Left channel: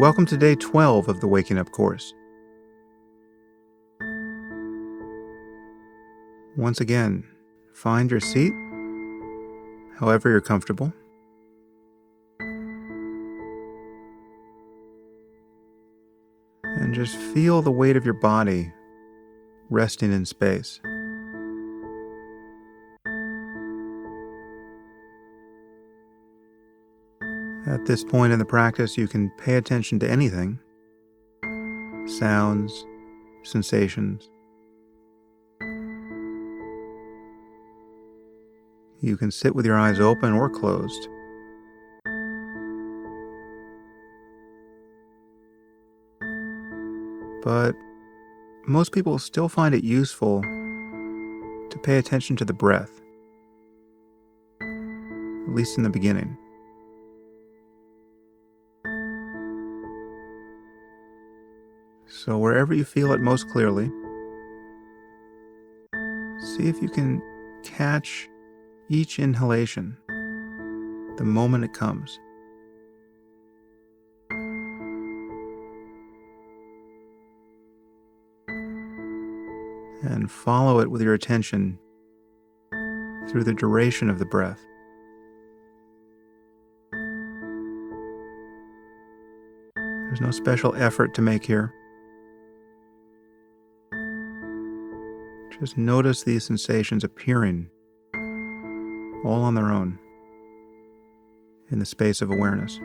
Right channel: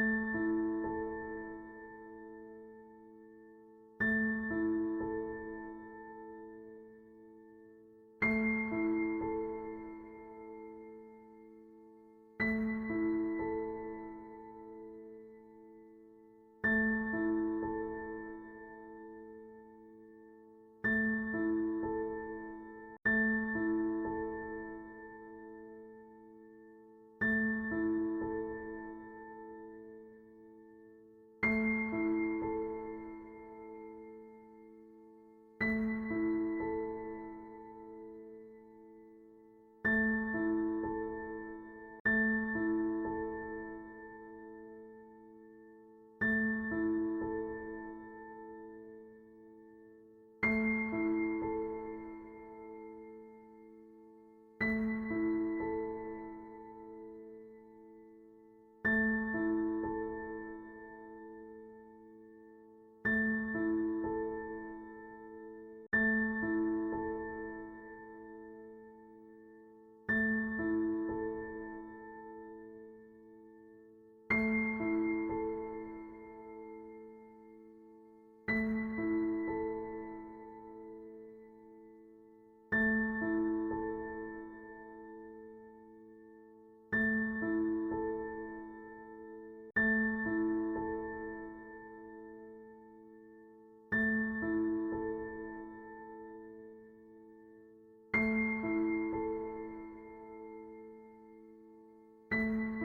Welcome to day 12 of the Waking Up course. Once again, find your seat, however you're comfortable. And just feel the weight of your body resting in space. At this point in the practice, you can pay attention to anything: sounds, sensations. You can sit with your eyes open or closed. But most people still find it useful to pay attention to the breath, at least in the beginning. So wherever you feel it most clearly, see if you can catch each inhalation the moment it comes. And follow it with your attention through the duration of the breath. There's no special effort to make here. Just notice these sensations appearing all on their own in the space of awareness.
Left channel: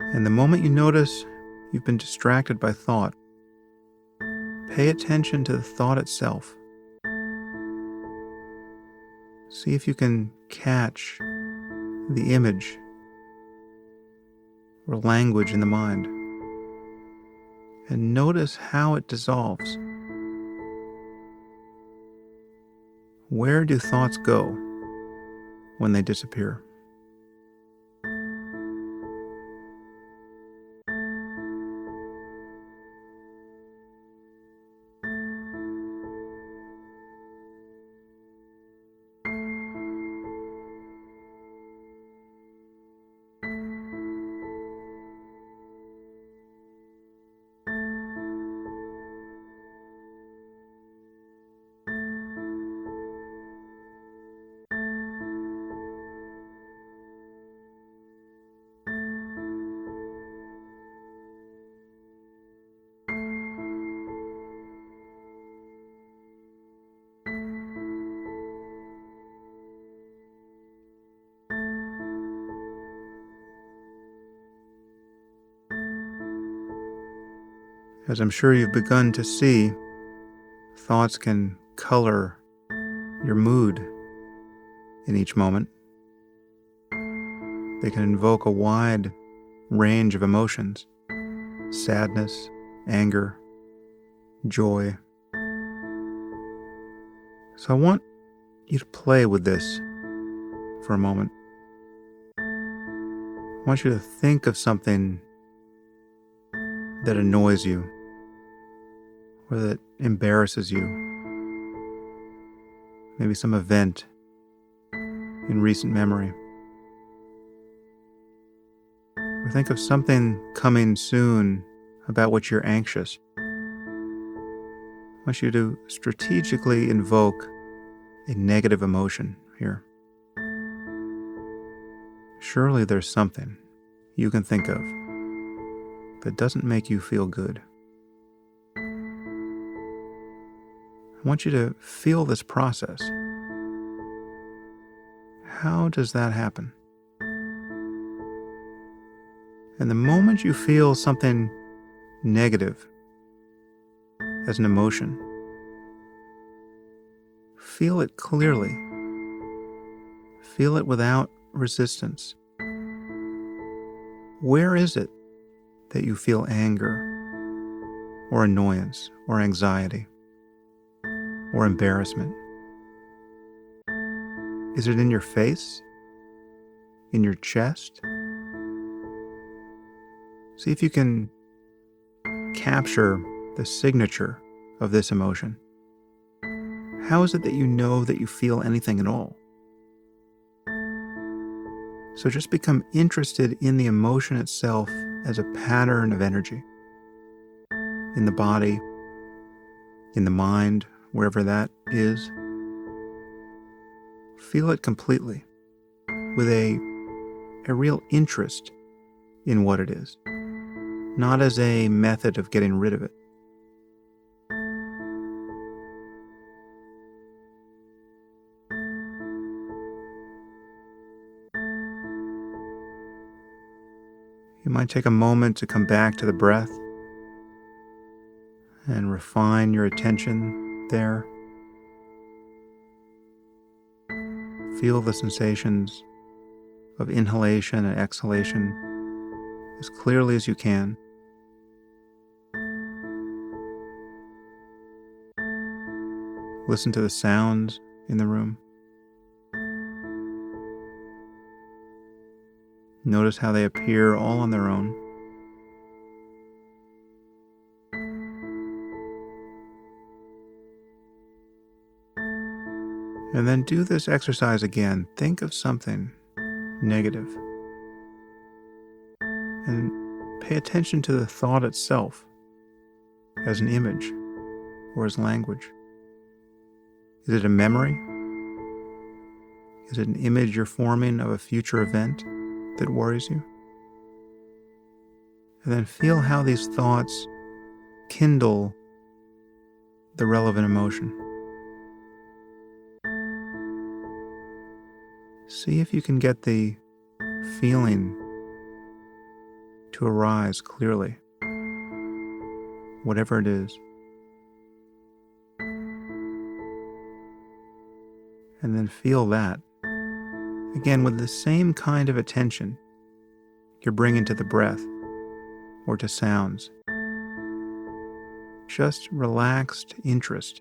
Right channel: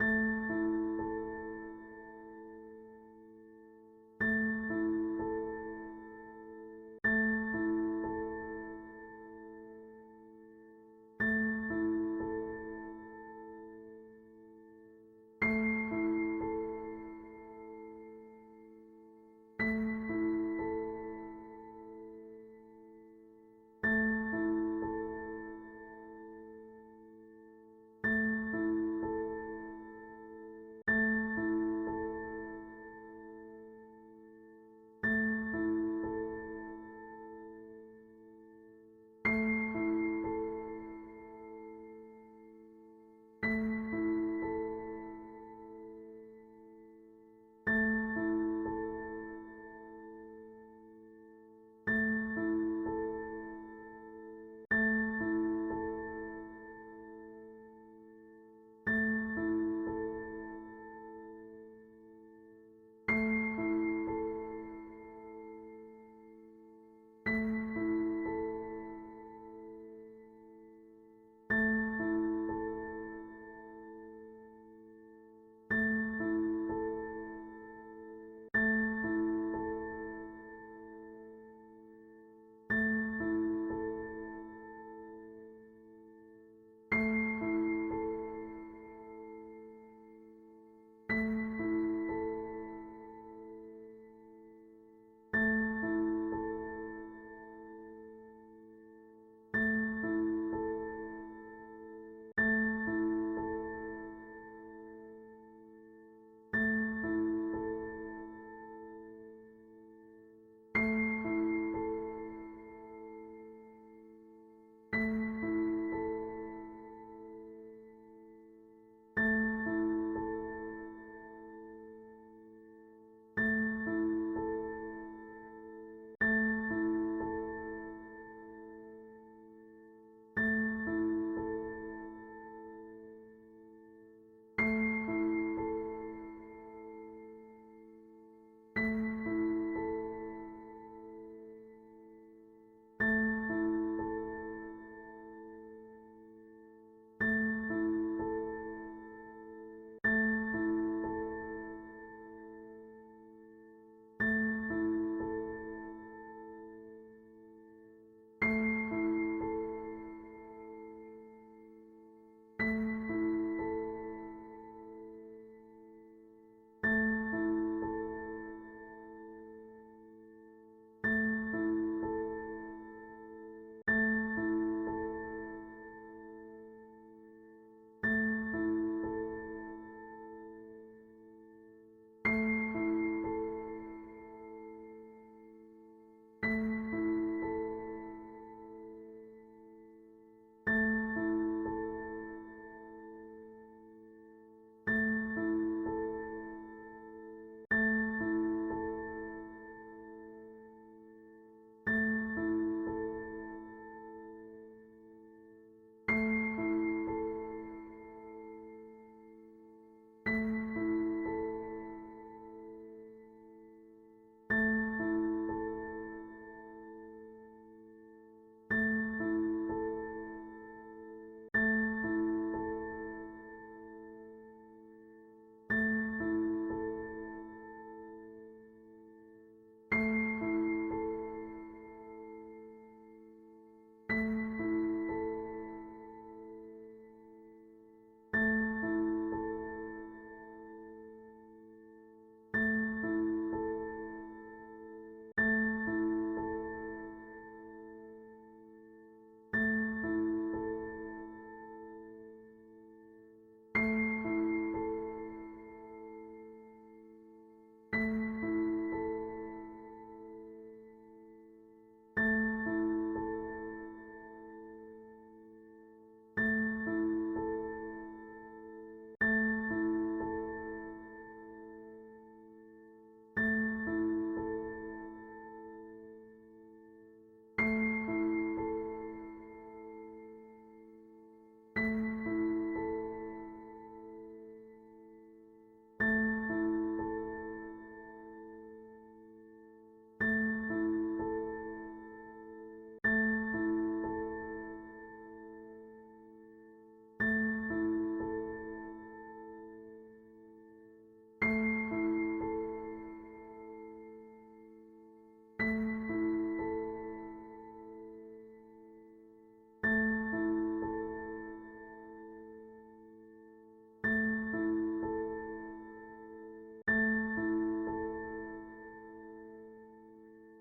And the moment you notice you've been distracted by thought, pay attention to the thought itself. See if you can catch the image or language in the mind, and notice how it dissolves. Where do thoughts go when they disappear? As I'm sure you've begun to see, thoughts can color your mood in each moment. They can invoke a wide range of emotions: sadness, anger, joy. So I want you to play with this for a moment. I want you to think of something that annoys you or that embarrasses you. Maybe some event in recent memory. Or think of something coming soon about which you're anxious. I want you to strategically invoke a negative emotion here. Surely there's something you can think of that doesn't make you feel good. I want you to feel this process. How does that happen? And the moment you feel something negative as an emotion, feel it clearly. Feel it without resistance. Where is it that you feel anger or annoyance or anxiety or embarrassment? Is it in your face? In your chest? See if you can capture the signature of this emotion. How is it that you know that you feel anything at all? So just become interested in the emotion itself as a pattern of energy in the body, in the mind, wherever that is. Feel it completely with a real interest in what it is, not as a method of getting rid of it. You might take a moment to come back to the breath and refine your attention there. Feel the sensations of inhalation and exhalation as clearly as you can. Listen to the sounds in the room. Notice how they appear all on their own. And then do this exercise again. Think of something negative and pay attention to the thought itself as an image or as language. Is it a memory? Is it an image you're forming of a future event that worries you? And then feel how these thoughts kindle the relevant emotion. See if you can get the feeling to arise clearly, whatever it is. And then feel that, again, with the same kind of attention you're bringing to the breath or to sounds. Just relaxed interest.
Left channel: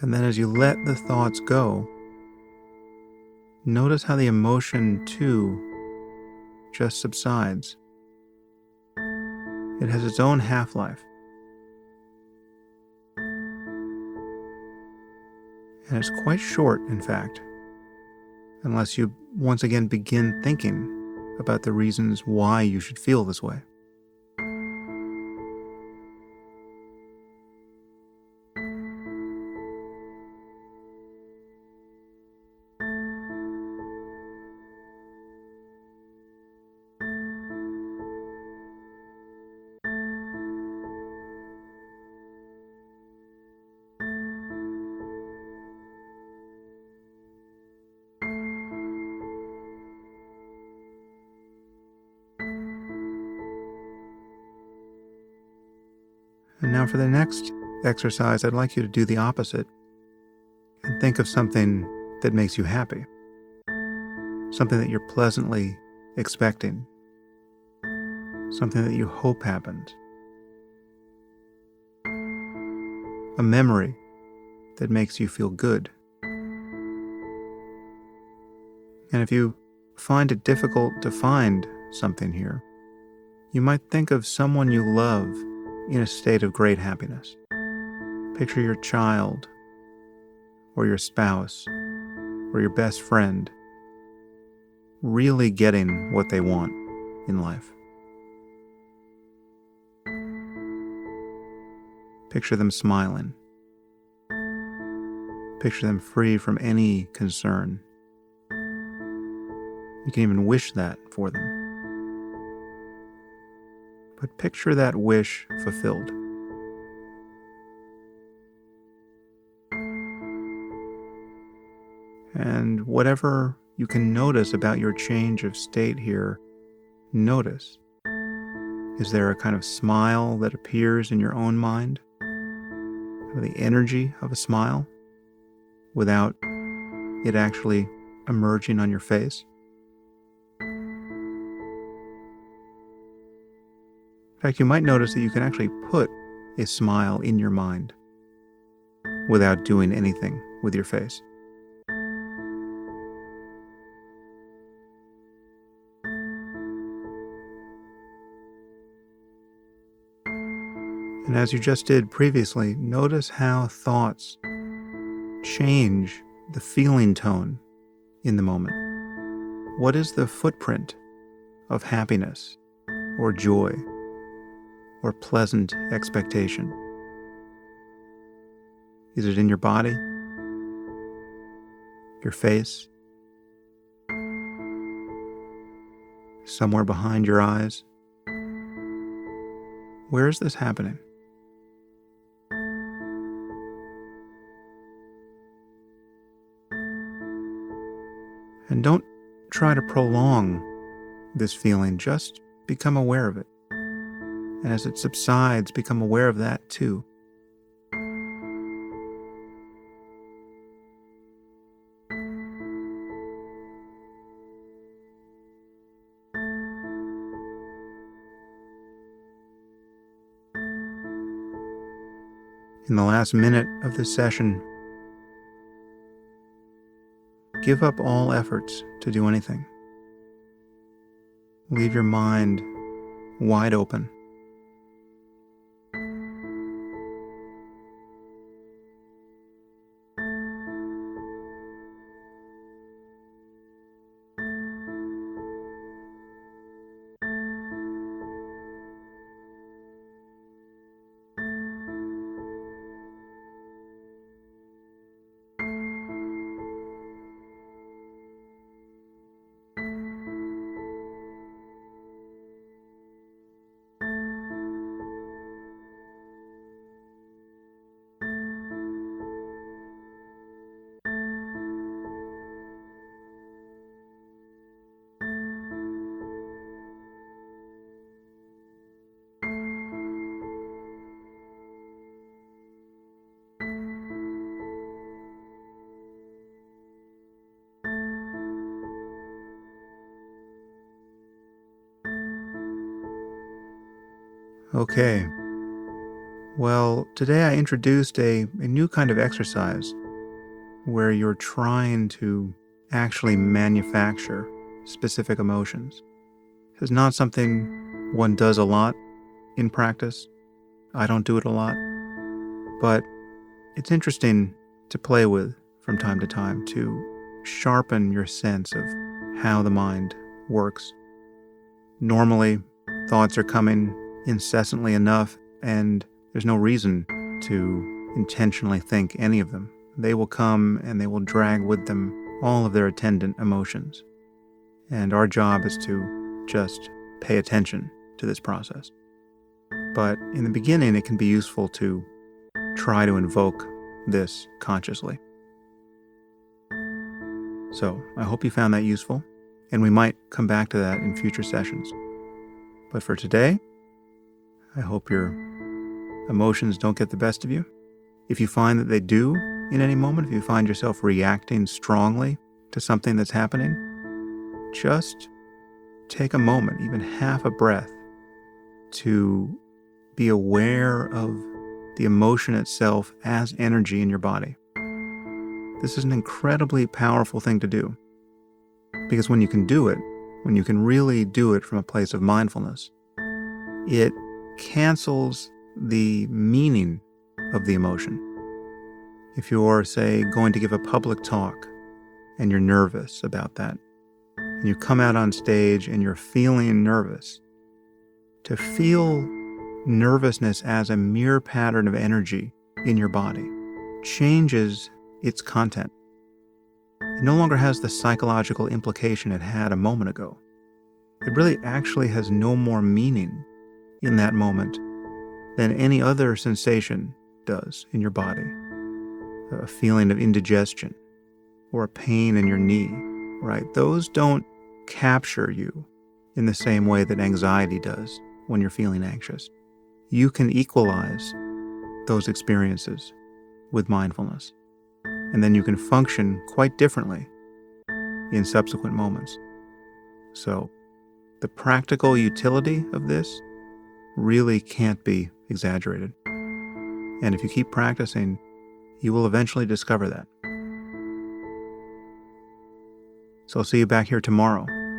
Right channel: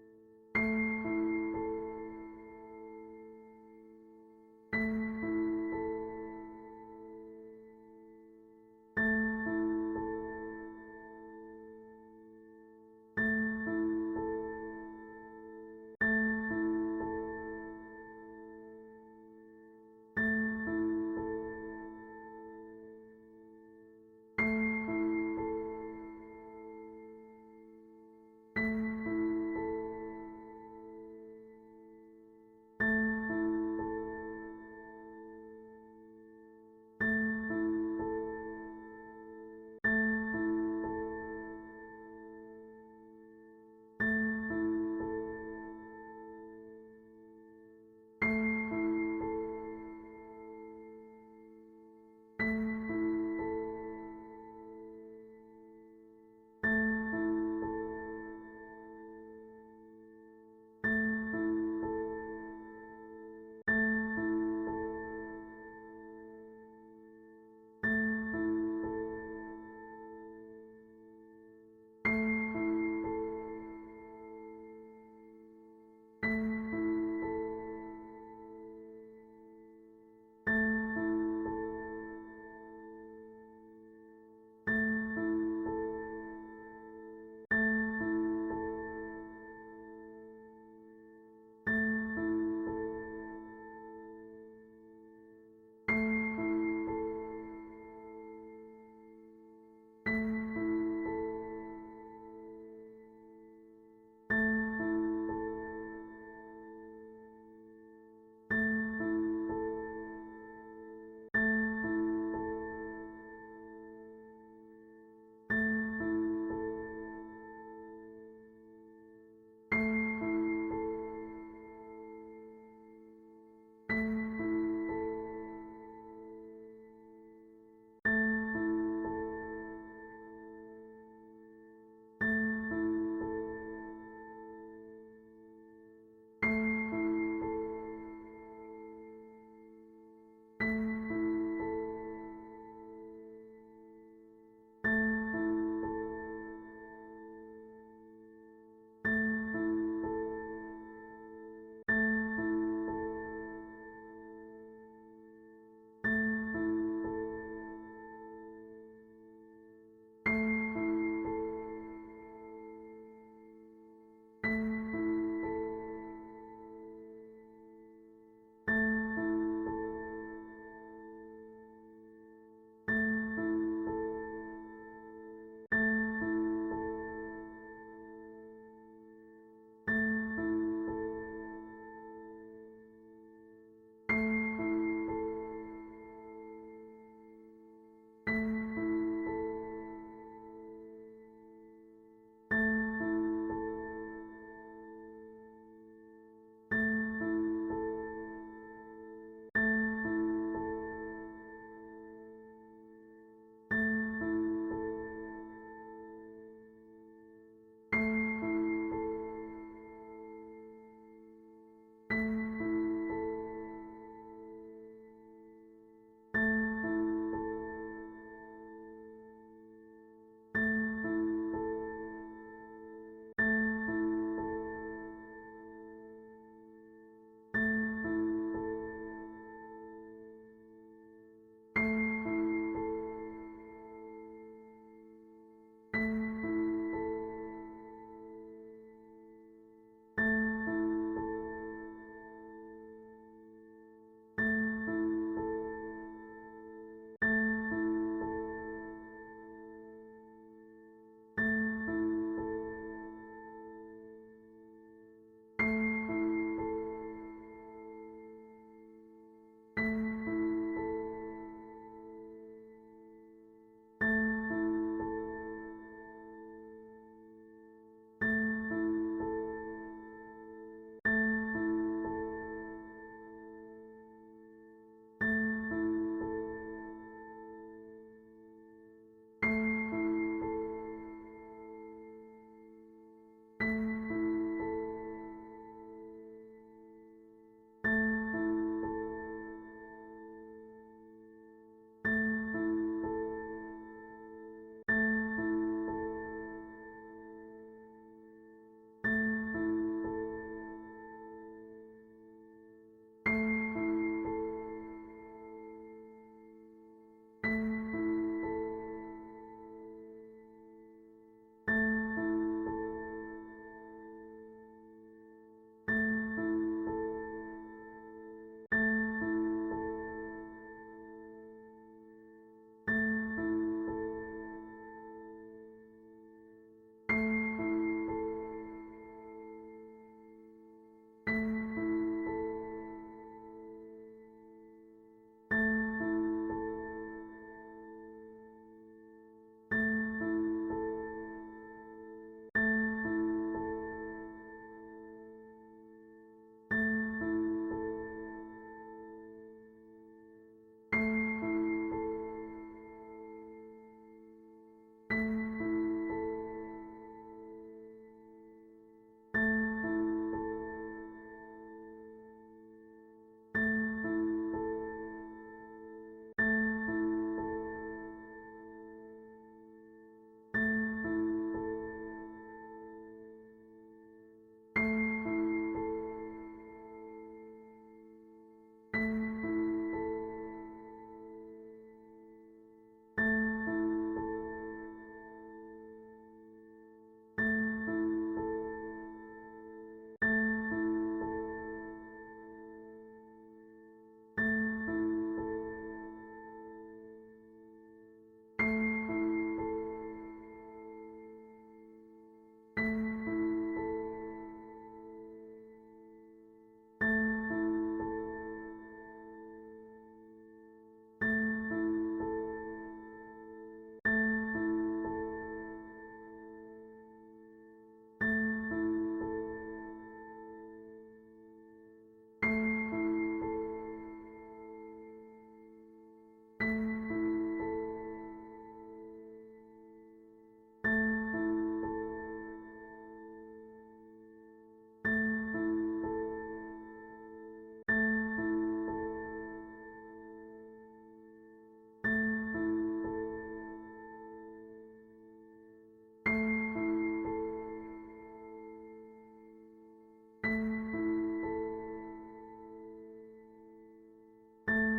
And then as you let the thoughts go, notice how the emotion too just subsides. It has its own half-life. And it's quite short, in fact, unless you once again begin thinking about the reasons why you should feel this way. And now for the next exercise, I'd like you to do the opposite and think of something that makes you happy, something that you're pleasantly expecting, something that you hope happens, a memory that makes you feel good. And if you find it difficult to find something here, you might think of someone you love in a state of great happiness. Picture your child, or your spouse, or your best friend really getting what they want in life. Picture them smiling. Picture them free from any concern. You can even wish that for them. But picture that wish fulfilled. And whatever you can notice about your change of state here, notice. Is there a kind of smile that appears in your own mind? Or the energy of a smile without it actually emerging on your face? In fact, you might notice that you can actually put a smile in your mind without doing anything with your face. And as you just did previously, notice how thoughts change the feeling tone in the moment. What is the footprint of happiness or joy or pleasant expectation? Is it in your body, your face, somewhere behind your eyes? Where is this happening? And don't try to prolong this feeling, just become aware of it. And as it subsides, become aware of that too. In the last minute of this session, give up all efforts to do anything. Leave your mind wide open. Okay. Well, today I introduced a new kind of exercise where you're trying to actually manufacture specific emotions. It's not something one does a lot in practice. I don't do it a lot, but it's interesting to play with from time to time to sharpen your sense of how the mind works. Normally, thoughts are coming incessantly enough, and there's no reason to intentionally think any of them. They will come and they will drag with them all of their attendant emotions. And our job is to just pay attention to this process. But in the beginning, it can be useful to try to invoke this consciously. So I hope you found that useful, and we might come back to that in future sessions. But for today, I hope your emotions don't get the best of you. If you find that they do in any moment, if you find yourself reacting strongly to something that's happening, just take a moment, even half a breath, to be aware of the emotion itself as energy in your body. This is an incredibly powerful thing to do, because when you can do it, when you can really do it from a place of mindfulness, it cancels the meaning of the emotion. If you're, say, going to give a public talk and you're nervous about that, and you come out on stage and you're feeling nervous, to feel nervousness as a mere pattern of energy in your body changes its content. It no longer has the psychological implication it had a moment ago. It really actually has no more meaning in that moment than any other sensation does in your body. A feeling of indigestion, or a pain in your knee, right? Those don't capture you in the same way that anxiety does when you're feeling anxious. You can equalize those experiences with mindfulness, and then you can function quite differently in subsequent moments. So, the practical utility of this really can't be exaggerated. And if you keep practicing, you will eventually discover that. So I'll see you back here tomorrow